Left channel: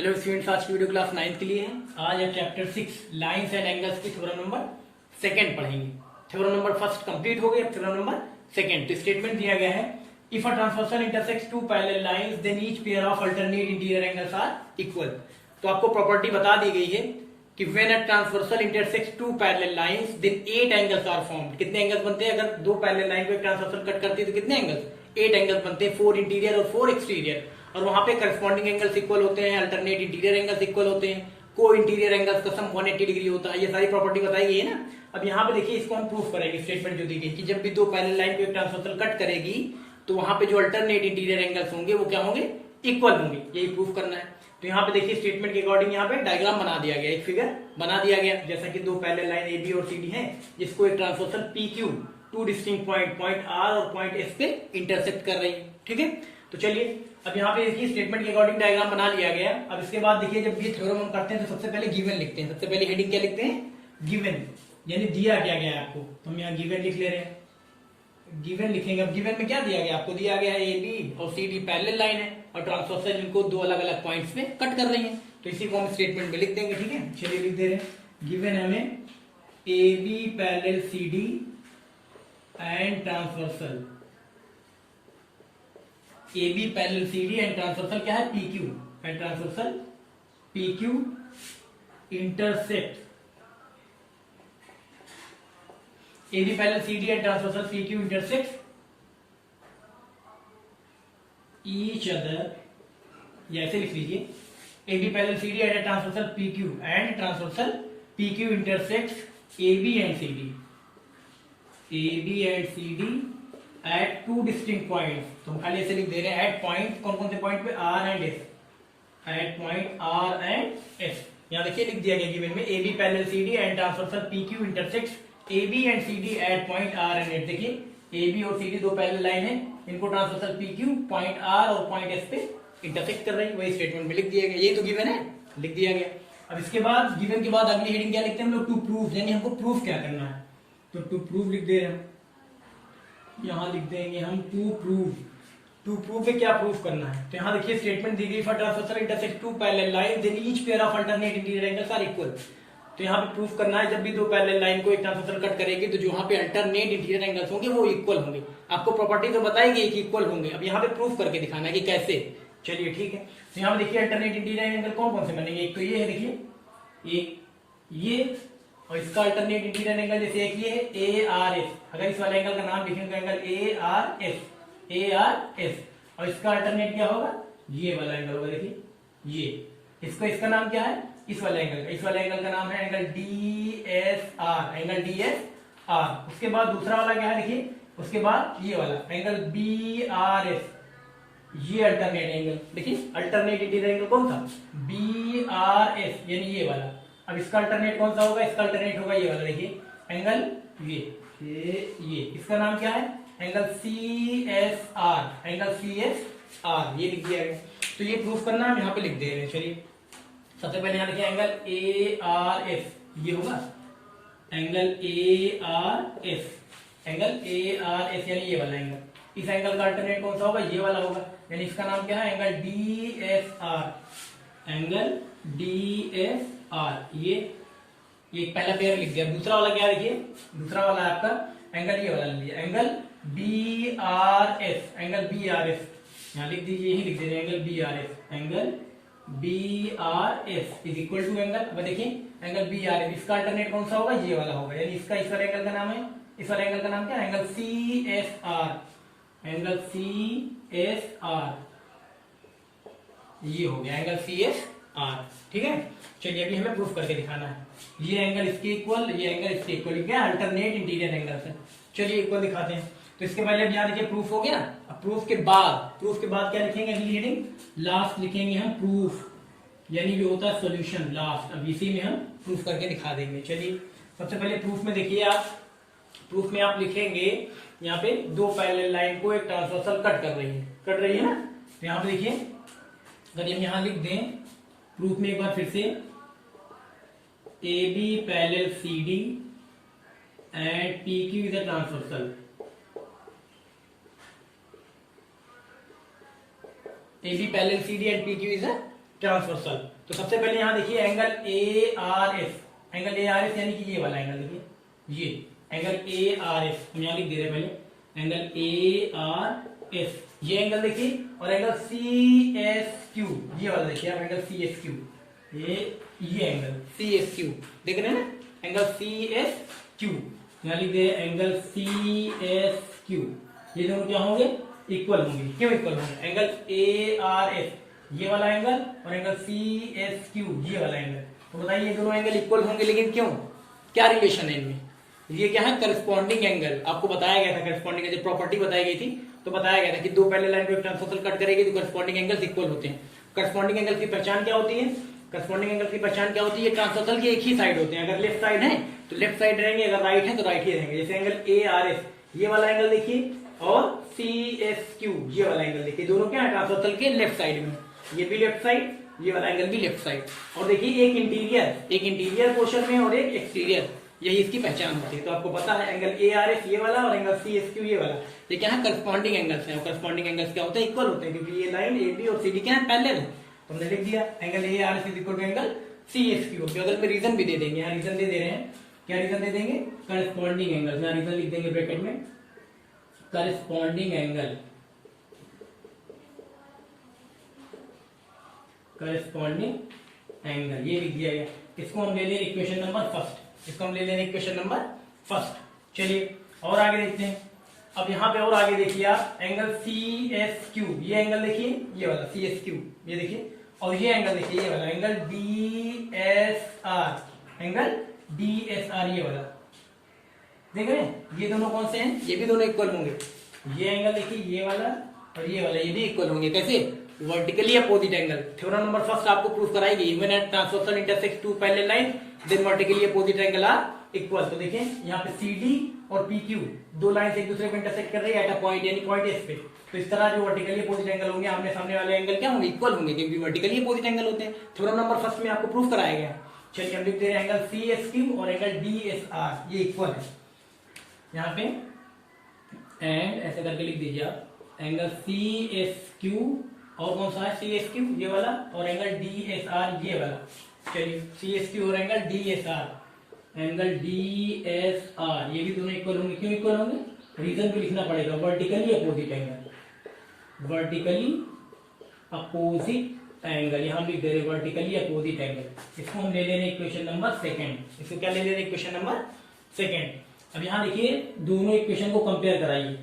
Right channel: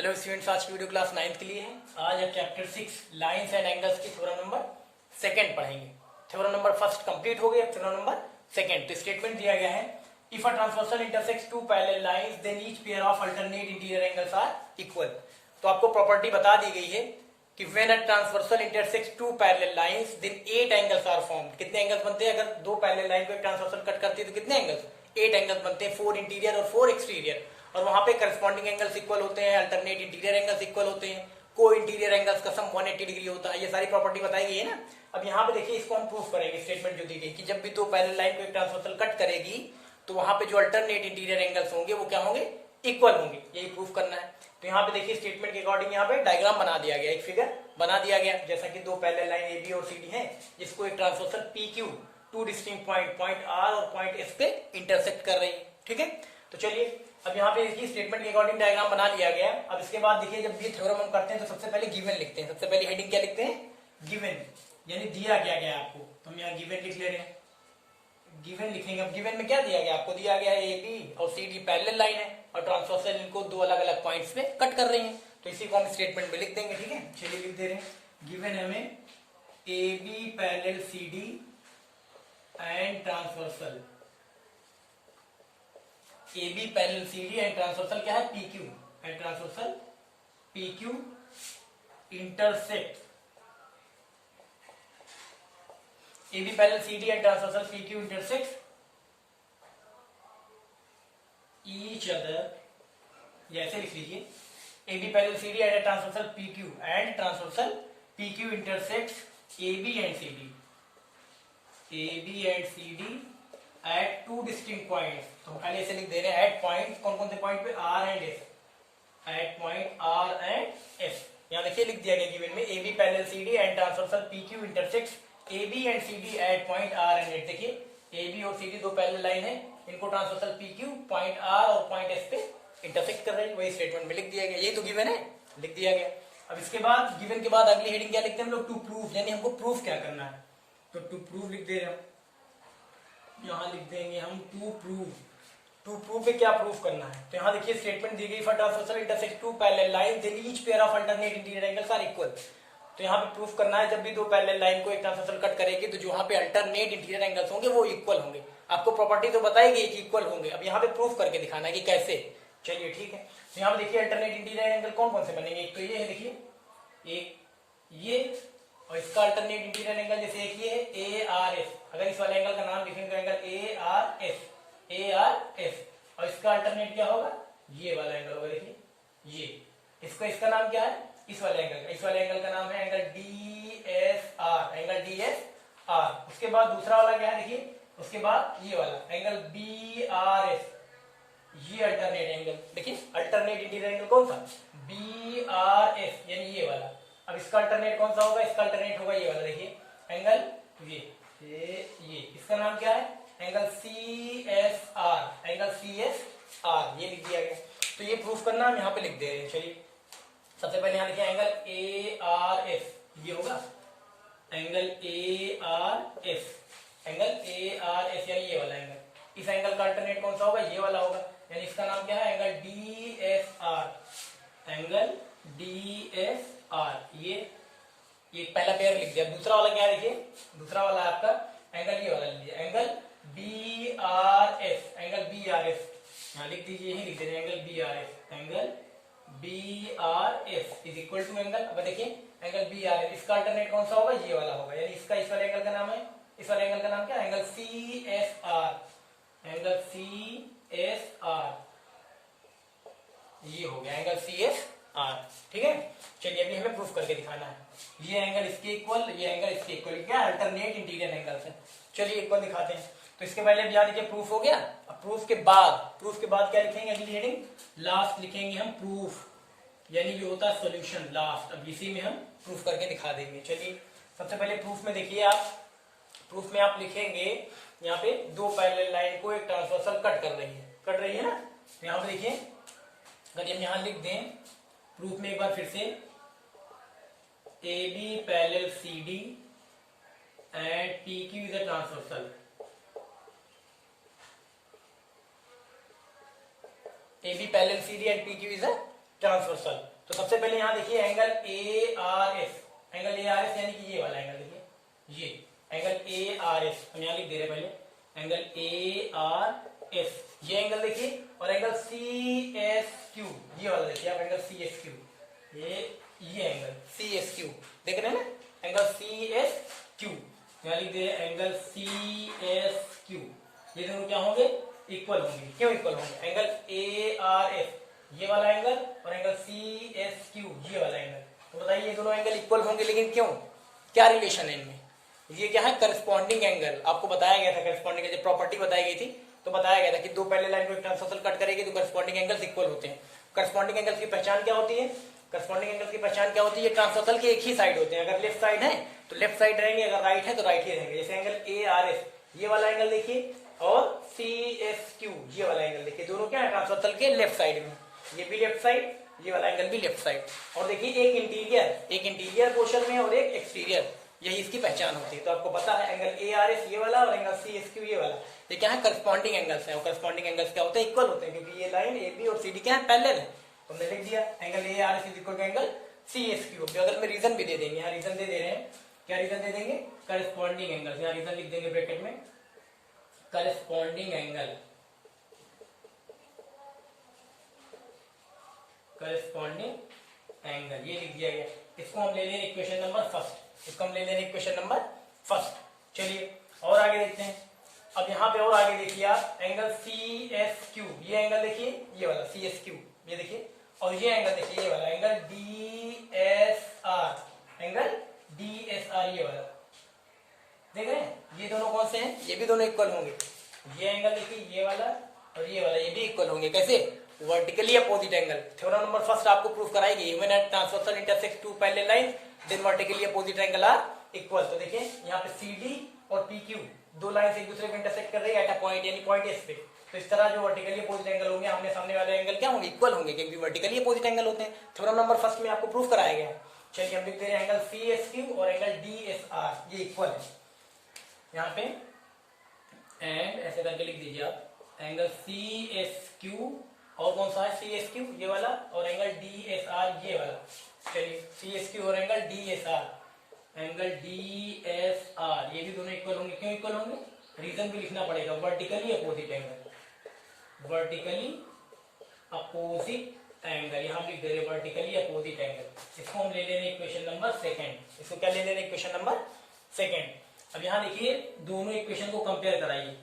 Hello students, आज की video class 9th के लिए है। आज हम चैप्टर 6 लाइंस एंड एंगल्स की थ्योरम नंबर सेकंड पढ़ेंगे। थ्योरम नंबर फर्स्ट कंप्लीट हो गया, थ्योरम नंबर सेकंड। तो स्टेटमेंट दिया गया है, if a transversal intersects two parallel lines then each pair of alternate interior angles are equal. तो आपको प्रॉपर्टी बता दी गई है कि when a transversal intersects two parallel lines then 8 angles are formed. कितने एंगल्स बनते हैं? अगर दो पैरेलल लाइन को एक ट्रांसवर्सल कट करती है तो कितने एंगल्स? 8 एंगल्स बनते हैं, 4 इंटीरियर और 4 एक्सटीरियर। और वहां पे करस्पॉन्डिंग एंगल्स इक्वल होते हैं, अल्टरनेट इंटीरियर एंगल्स इक्वल होते हैं, को इंटीरियर एंगल्स का सम 180 डिग्री होता है। ये सारी प्रॉपर्टी बताई गई है ना। अब यहाँ पे देखिए, इसको हम प्रूफ करेंगे। स्टेटमेंट जो दी गई कि जब भी दो पैरेलल लाइन को एक ट्रांसवर्सल कट करेगी तो वहां पे जो अल्टरनेट इंटीरियर एंगल्स होंगे वो क्या होंगे? इक्वल होंगे। यही प्रूफ करना है। तो यहाँ पे देखिए, स्टेटमेंट के अकॉर्डिंग यहाँ पे डायग्राम बना दिया गया, एक फिगर बना दिया गया। जैसा कि दो पैरेलल लाइन ए बी और सी डी है, जिसको एक transversal P Q two distinct point R और पॉइंट एस पे इंटरसेक्ट कर रही है। ठीक है, तो चलिए अब यहाँ पे इसकी स्टेटमेंट के अकॉर्डिंग डायग्राम बना लिया गया। अब इसके बाद देखिए, जब ये थ्योरम हम करते हैं तो सबसे पहले गिवन लिखते हैं। सबसे पहले हेडिंग क्या लिखते हैं? गिवन, यानी दिया क्या गया है आपको। तो हम यहाँ गिवन लिख ले रहे हैं, गिवन लिखेंगे। अब गिवन में क्या दिया गया आपको? दिया गया है ए बी और सी डी पैरेलल लाइन है और ट्रांसवर्सल इनको दो अलग अलग पॉइंट्स में कट कर रही है। तो इसी को हम स्टेटमेंट में लिख देंगे। ठीक है, चलिए लिख दे रहे हैं। गिवन है हमें A B parallel C D and transversal, A B parallel C D and transversal क्या है? P Q. And transversal P Q intersect A B parallel C D and transversal P Q intersect each other, या ऐसे लिख लीजिए, A B parallel C D and transversal P Q and transversal P Q intersect A B and C D, A B and C D at two distinct points. तो हम खाली ऐसे लिख दे रहे हैं, एट पॉइंट, कौन कौन से पॉइंट पे? R and S, at point R and S. यहाँ देखिए लिख दिया गया गिवन में, A B parallel C D and transversal P Q intersect A B and C D at point R and S. देखिए ए बी और C D दो parallel line है, इनको transversal P Q point R और point S पे intersect कर रही है। वही स्टेटमेंट में लिख दिया गया, यही तो गिवन है, लिख दिया गया। अब इसके बाद गिवन के बाद अगली हेडिंग क्या लिखते हैं हम लोग? टू प्रूफ, यानी हमको प्रूफ क्या करना है। तो टू प्रूफ लिख दे रहे हैं, यहां लिख देंगे हम टू प्रूफ। टू प्रूफ में क्या प्रूफ करना है? तो यहाँ देखिए स्टेटमेंट दी गई, for transversal intersect two parallel line then each pair of alternate interior angles are equal. तो यहाँ पे प्रूफ करना है, जब भी दो पैरेलल लाइन को एक ट्रांसवर्सल कट करेगी तो जो यहाँ पे अल्टरनेट इंटीरियर एंगल्स होंगे वो इक्वल होंगे। आपको प्रॉपर्टी तो बताई गई कि इक्वल होंगे, अब यहाँ पे प्रूफ करके दिखाना है कि कैसे। चलिए ठीक है, तो यहाँ पे देखिए अल्टरनेट इंटीरियर एंगल कौन कौन से बनेंगे? एक तो ये है, देखिए एक ये, और इसका अल्टरनेट इंटीरियर एंगल जैसे एक ये है ए आर एस। अगर इस वाले एंगल का नाम लिखेंगे angle A R S, A R S. और इसका अल्टरनेट क्या होगा? ये वाला एंगल होगा। देखिए ये, इसका इसका नाम क्या है? इस वाले एंगल का, इस वाले एंगल का नाम है angle D S R, angle D S are. उसके बाद दूसरा वाला क्या है? देखिए उसके बाद ये वाला एंगल बी आर एस, ये अल्टरनेट एंगल। देखिए अल्टरनेट इंटीरियर एंगल कौन सा? बी आर एस, यानी ये वाला। अब इसका अल्टरनेट कौन सा होगा? इसका अल्टरनेट होगा ये वाला। देखिए एंगल ये इसका नाम क्या है? Angle C S R, angle C S R, ये लिख दिया गया। तो ये प्रूफ करना हम यहाँ पे लिख दे रहे हैं। चलिए सबसे पहले यहाँ लिखिए एंगल ए आर एस, ये होगा angle A R S, angle A R S, यानी ये वाला एंगल। इस एंगल का अल्टरनेट कौन सा होगा? ये वाला होगा, यानी इसका नाम क्या है? Angle D S R, angle D S R. ये पहला पेयर लिख दिया। दूसरा वाला क्या है? देखिए दूसरा वाला आपका एंगल ये वाला लिया, angle B R S, angle B R S. यहाँ लिख दीजिए, यही लिख दीजिए angle B R S, angle B R S is equal to angle, अब देखिए एंगल बी आर एस, इसका अल्टरनेट कौन सा होगा? ये वाला होगा, यानी इसका इस वाले एंगल का नाम है, इस वाले एंगल का नाम क्या है? Angle C S R, angle C S R, ये हो गया एंगल सी एस आर। ठीक है, चलिए अभी हमें प्रूफ करके दिखाना है। ये एंगल इसके इक्वल, ये एंगल इसके इक्वल, क्या अल्टरनेट इंटीरियर एंगल्स है। चलिए इक्वल दिखाते हैं। तो इसके पहले अब यहाँ देखिए प्रूफ हो गया। अब प्रूफ के बाद क्या लिखेंगे? अगली हेडिंग लास्ट लिखेंगे हम प्रूफ, यानी जो होता है सॉल्यूशन लास्ट। अब इसी में हम प्रूफ करके दिखा देंगे। चलिए सबसे पहले प्रूफ में देखिए, आप प्रूफ में आप लिखेंगे यहाँ पे दो पैरेलल लाइन को एक ट्रांसवर्सल कट रही है ना। तो यहाँ पे देखिए, अगर हम यहाँ लिख दें प्रूफ में एक बार फिर से, A B parallel C D and P Q is a transversal, AB parallel CD and PQ is a transversal. तो सबसे पहले यहाँ देखिए angle A R S, angle A R S यानी कि ये वाला एंगल देखिए, ये एंगल ए आर एस हम यहाँ लिख दे रहे हैं पहले, एंगल ए आर एस ये एंगल देखिए, और एंगल सी एस क्यू ये वाला देखिए आप, एंगल सी एस क्यू, ये एंगल सी एस क्यू देख रहे हैं ना, एंगल सी एस क्यू यहाँ लिख दे एंगल सी एस क्यू, ये दोनों क्या होंगे, इक्वल होंगे। क्यों इक्वल होंगे, एंगल ए आर एस ये वाला एंगल और एंगल सी एस क्यू ये वाला एंगल, तो बताइए ये दोनों एंगल इक्वल होंगे, लेकिन क्यों, क्या रिलेशन है इनमें, ये क्या है, करस्पॉन्डिंग एंगल। आपको बताया गया था करस्पॉन्डिंग जब प्रॉपर्टी बताई गई थी तो बताया गया था कि दो पैरेलल लाइन को ट्रांसवर्सल कट करेगी तो करस्पॉन्डिंग एंगल्स इक्वल होते हैं। करस्पॉन्डिंग एंगल की पहचान क्या होती है, करस्पॉन्डिंग एंगल की पहचान क्या होती है, ट्रांसवर्सल की एक ही साइड होते हैं, अगर लेफ्ट साइड है तो लेफ्ट साइड रहेंगे, अगर राइट है तो राइट ही रहेंगे। जैसे एंगल ए आर एस ये वाला एंगल देखिए और सी एस क्यू ये वाला एंगल देखिए, दोनों क्या है, ट्रांसवर्सल के लेफ्ट साइड में, ये भी लेफ्ट साइड, ये वाला एंगल भी लेफ्ट साइड। और देखिए एक इंटीरियर पोर्शन में और एक एक्सटीरियर, यही इसकी पहचान होती है। तो आपको पता है एंगल ए आर एस ये वाला और एंगल सी एस क्यू ये वाला, ये क्या है, करस्पॉन्डिंग एंगल्स हैं। करस्पॉन्डिंग एंगल्स क्या होते हैं, इक्वल होते हैं, क्योंकि ये लाइन ए बी और सी डी क्या है, पैरेलल है। तो हमने लिख दिया angle A R S is equal to angle C S Q. तो अगर रीजन भी दे देंगे, यहाँ रीजन दे दे रहे हैं, क्या रीजन दे देंगे, करस्पॉन्डिंग एंगल, यहाँ रीजन लिख देंगे ब्रैकेट में, करस्पॉन्डिंग एंगल, करस्पॉन्डिंग एंगल ये लिख दिया गया। इसको हम ले लें इक्वेशन नंबर फर्स्ट, इसको हम ले लें इक्वेशन नंबर फर्स्ट। चलिए और आगे देखते हैं। अब यहाँ पे और आगे देखिए आप, एंगल सी एस क्यू ये एंगल देखिए, ये वाला सी एस क्यू ये देखिए, और ये एंगल देखिए, ये वाला angle D S R, angle D S R ये वाला देख रहे हैं, ये दोनों कौन से हैं, ये भी दोनों इक्वल होंगे। ये एंगल देखिए, ये वाला और ये वाला, ये भी इक्वल होंगे। कैसे, vertically opposite angle. Theorem number first आपको प्रूफ कराएगी, even at transversal intersect two parallel line then vertically opposite angle are equal. तो देखिए यहाँ पे सी डी और पी क्यू दो लाइन एक दूसरे को इंटरसेक्ट कर रही है एट अ पॉइंट, यानी पॉइंट एस पे। तो इस तरह जो वर्टिकली अपोजिट एंगल होंगे, आमने सामने वाले एंगल क्या होंगे, इक्वल होंगे, क्योंकि वर्टिकली अपोजिट एंगल होते हैं। थ्योरम नंबर फर्स्ट में आपको प्रूफ कराया गया है। चलिए हम लिख दे रहे हैं एंगल सी एस क्यू और एंगल डी एस आर ये इक्वल है यहाँ पे, एंड ऐसे करके लिख दीजिए आप, एंगल सी एस क्यू और कौन सा है, सी एस क्यू ये वाला, और एंगल डी एस आर ये वाला। चलिए सी एस क्यू और angle D S R, angle D S R ये भी दोनों इक्वल होंगे। क्यों इक्वल होंगे, रीजन भी लिखना पड़ेगा, vertically opposite angle, vertically opposite angle यहाँ हम लिख दे रहे वर्टिकली अपोजिट एंगल। इसको हम ले लेने इक्वेशन नंबर सेकंड, इसको क्या ले लेने इक्वेशन नंबर सेकंड। अब यहाँ देखिए दोनों इक्वेशन को कंपेयर कराइए,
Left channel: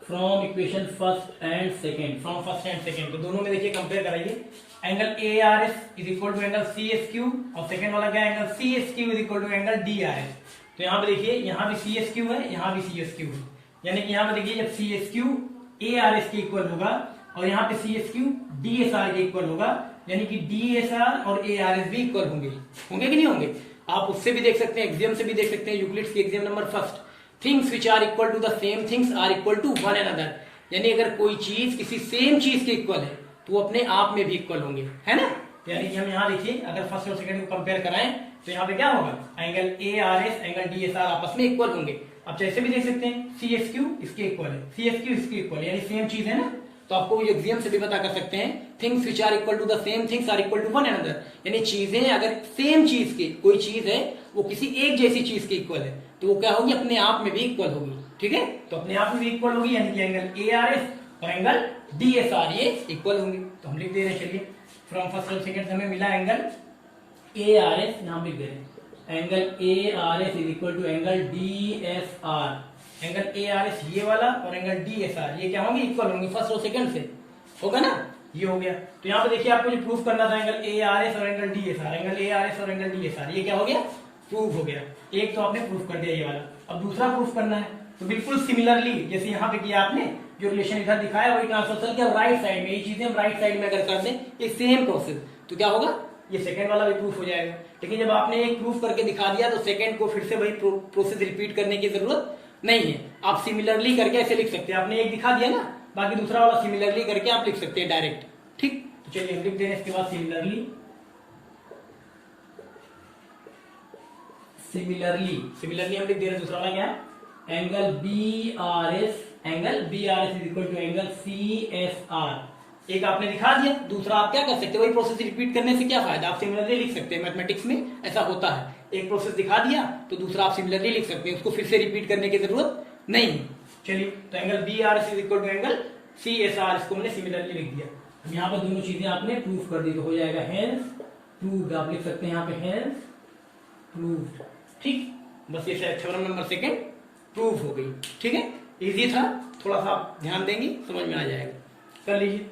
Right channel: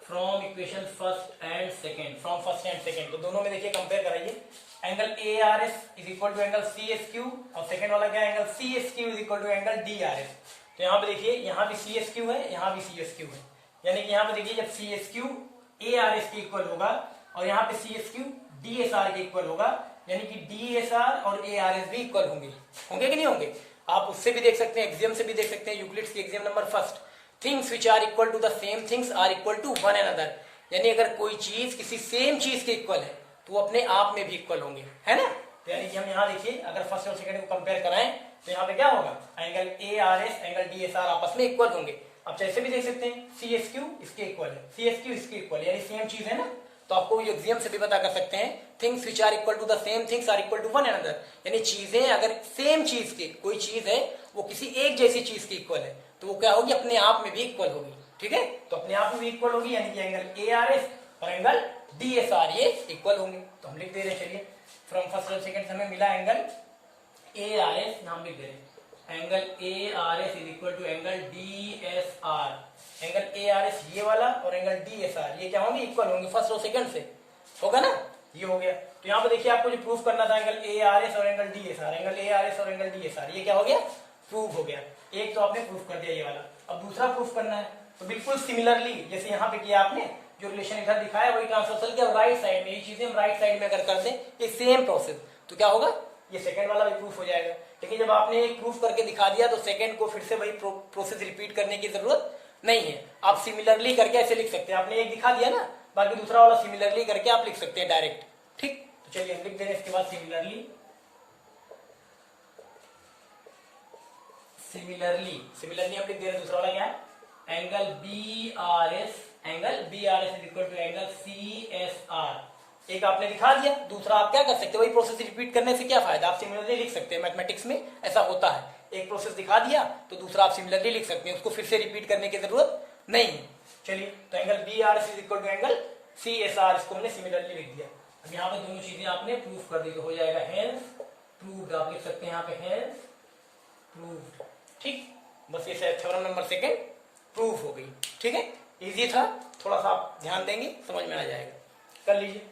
from equation first and second, from first and second, तो दोनों में देखिए कंपेयर कराइए। Angle A R S is equal to angle C S Q, और सेकंड वाला क्या है, angle C S Q is equal to angle D R S. तो यहाँ पे देखिए, यहाँ भी सी एस क्यू है, यहाँ भी सी एस क्यू है, यानी कि यहाँ पे देखिए जब C S Q A R S के इक्वल होगा और यहाँ पे C S Q D S R के इक्वल होगा, यानी कि डी एस आर और ए आर एस भी इक्वल होंगे। होंगे कि नहीं होंगे, आप उससे भी देख सकते हैं, एग्जाम से भी देख सकते हैं, यूक्लिड्स की exam number first, things which are equal to the same things are equal to one another. यानी अगर कोई चीज किसी सेम चीज के इक्वल है तो वो अपने आप में भी इक्वल होंगे, है ना। तो यानी कि हम यहाँ देखिए अगर फर्स्ट और सेकंड को कंपेयर कराएं तो यहाँ पे क्या होगा, angle A R S angle D S are आपस में इक्वल होंगे। अब जैसे भी देख सकते हैं, सी एस क्यू इसके इक्वल है, सी एस क्यू इसके इक्वल है, यानी सेम चीज है ना। तो आपको एग्जाम से भी पता कर सकते हैं, things which are equal to the same things are equal to one another. यानी चीजें अगर सेम चीज की कोई चीज है वो किसी एक जैसी चीज की इक्वल है तो वो क्या होगी, अपने आप में भी इक्वल होगी। ठीक है, तो अपने आप में भी इक्वल होगी, यानी कि एंगल ए आर एस और एंगल डी एस आर ये इक्वल होंगे। तो हम लिख दे रहे हैं, चलिए फ्रॉम फर्स्ट और सेकंड हमें मिला एंगल ए आर एस, नाम लिख दे रहे हैं angle A R S is equal to angle D S R. Angle A R S ये वाला और एंगल डी एस आर ये क्या होंगे, इक्वल होंगे फर्स्ट और सेकंड से, होगा ना, ये हो गया। तो यहाँ पे देखिए आपको जो प्रूफ करना था एंगल ए आर एस और angle D S R, angle A R S और एंगल डी एस आर ये क्या हो गया, प्रूफ हो गया। एक तो आपने प्रूफ कर दिया ये वाला, अब दूसरा प्रूफ करना है। तो बिल्कुल सिमिलरली जैसे यहाँ पे किया आपने, जो रिलेशन इधर दिखाया वही ट्रांसवर्सल के राइट साइड में, ये चीजें हम राइट साइड में अगर कर दें ये सेम प्रोसेस, तो क्या होगा, ये सेकंड वाला भी प्रूफ हो जाएगा। लेकिन जब आपने एक प्रूफ करके दिखा दिया तो सेकंड को फिर से वही प्रोसेस रिपीट करने की जरूरत नहीं है। आप सिमिलरली करके ऐसे लिख सकते हैं, आपने एक दिखा दिया ना, बाकी दूसरा वाला सिमिलरली करके आप लिख सकते हैं डायरेक्ट। ठीक, तो चलिए हम लिख दें इसके बाद सिमिलरली, सिमिलरली हम लिख दे रहे हैं दूसरा वाला क्या, angle B R S, angle B R S is equal to angle C S R, एक आपने दिखा दिया, दूसरा आप क्या कर सकते हैं, वही प्रोसेस रिपीट करने से क्या फायदा, आप सिमिलरली लिख सकते हैं। मैथमेटिक्स में ऐसा होता है, एक प्रोसेस दिखा दिया तो दूसरा आप सिमिलरली लिख सकते हैं, उसको फिर से रिपीट करने की जरूरत नहीं है। चलिए, तो angle B R is equal to angle C S R, इसको हमने सिमिलरली लिख दिया। यहाँ पे दोनों चीजें आपने प्रूफ कर दी तो हो जाएगा हेंस प्रूव्ड, आप लिख सकते हैं यहाँ पे हेंस प्रूव्ड। ठीक, बस ये थ्योरम नंबर सेकंड प्रूफ हो गई। ठीक है, इजी था, थोड़ा सा आप ध्यान देंगे समझ में आ जाएगा। कर लीजिए।